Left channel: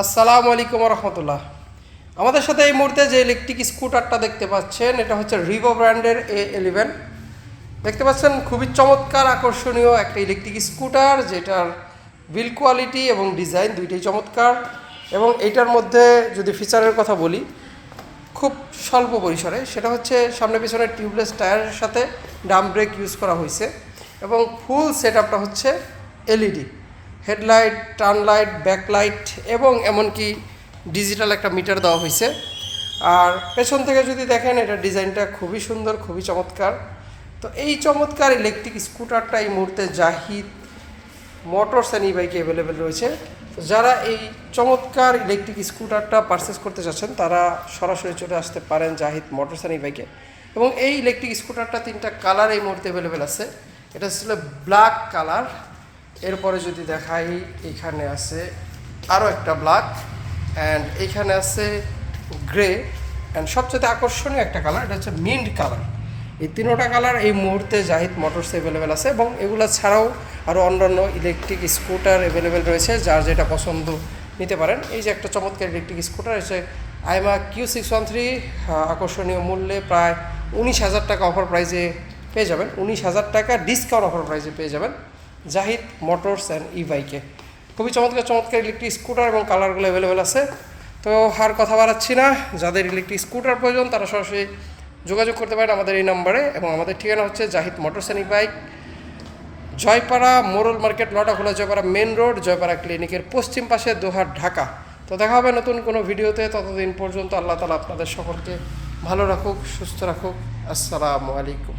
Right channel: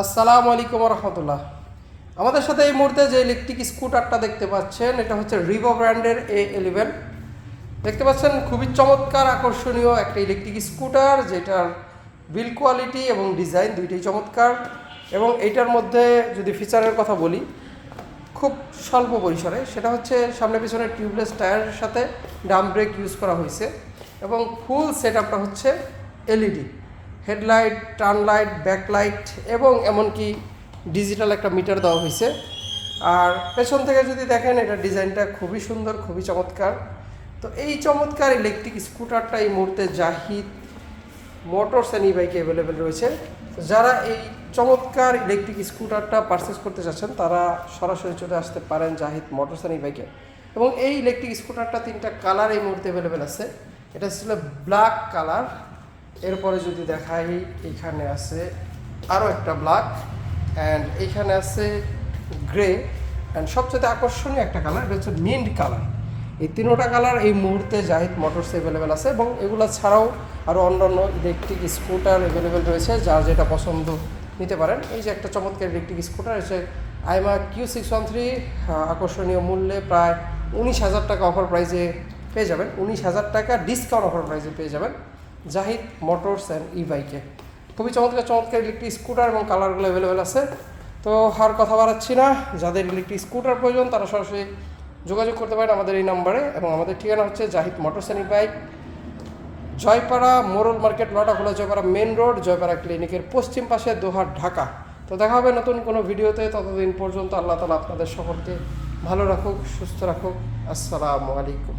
আসসালামু আলাইকুম রহমতুল্লাহ। আমাদের সাথে এই মুহূর্তে যে ইলেকট্রিক স্কুটারটা দেখতে পাচ্ছেন, এটা হচ্ছে রিভো ব্র্যান্ডের A11। দেখতে পাচ্ছেন খুবই চমৎকার আকর্ষণীয় একটা ইলেকট্রিক স্কুটার, যেটার বিল্ড কোয়ালিটি এবং ডিজাইন দুইটাই চমৎকার। এবং এইটার মধ্যে যদি ফিচারের কথা বলি, খুব স্বল্প পরিসরে, সেটা হচ্ছে সামনে পিছনে টিউবলেস টায়ারের সাথে ডাম ব্রেক ইউজ করা হয়েছে এবং ফুল সেট আপটা হচ্ছে LED headlight, turn light, backlight এবং এমনকি ডিজিটাল একটা মিটার দেওয়া হয়েছে। আর পেছন থেকে যদি দেখেন, এটা ডিজাইনটা খুবই সুন্দর, খুবই চমৎকার। তো এই চমৎকার ইলেকট্রিক স্কুটারটা এই মুহূর্তে জাহিদ মোটরস অ্যান্ড ই বাইকে অ্যাভেলেবেল রয়েছে। তো যারা এই চমৎকার ইলেকট্রিক স্কুটারটা পারচেস করতে চাচ্ছেন, তারা সরাসরি চলে আসতে পারেন জাহিদ মোটরস অ্যান্ড ই বাইকে। এবং এই ইলেকট্রিক স্কুটারটা 3টা কালার এই মুহূর্তে অ্যাভেলেবেল আছে। এটা ছিল ব্ল্যাক কালার, এরপরে যদি দেখাই এইখানে আছে আরও একটা ব্ল্যাক, অ্যান্ড এইখানে আছে গ্রে, অ্যান্ড সবচেয়ে আকর্ষণীয় একটা কালার, এটা হচ্ছে মিন্ট কালার। এই 3টা কালার এই মুহূর্তে জাহিদ মোটরস অ্যাভেলেবেল আছে এবং এগুলো ছাড়াও আরও অন্যান্য ইলেকট্রিক স্কুটার অ্যাভেলেবেল রয়েছে, যার যেটা পছন্দ নিতে পারেন। এই যে একটা চমৎকার ইলেকট্রিক স্কুটার এসে আইমা Q613, আকর্ষণীয় মূল্যে প্রায় 19,000 টাকা অফার প্রাইসে পেয়ে যাবেন। 19,000 টাকা ডিসকাউন্ট অফার প্রাইসে পেয়ে যাবেন জাহিদ মোটরস অ্যান্ড ই বাইকে। খুবই চমৎকার চমৎকার ইলেকট্রিক স্কুটার এবং কালারগুলো অ্যাভেলেবেল আছে। তো আর কথা বাড়াচ্ছি না, যাদের ইলেকট্রিক স্কুটার প্রয়োজন তারা সরাসরি যোগাযোগ করতে পারেন আমাদের এই নম্বরে। এবং আমাদের ঠিকানা হচ্ছে Zahid motors and e bike, Joypara মোরল market, Lotakhola Joypara main road, Joypara ক্লিনিকের পশ্চিম পাশে, দোহার, ঢাকা। তো দেখা হবে নতুন কোনো ভিডিওতে। ততদিন পর্যন্ত আল্লাহ তাআলা আপনাদের সকলকে ভালো রাখুক, সুস্থ রাখুক। আসসালামু আলাইকুম।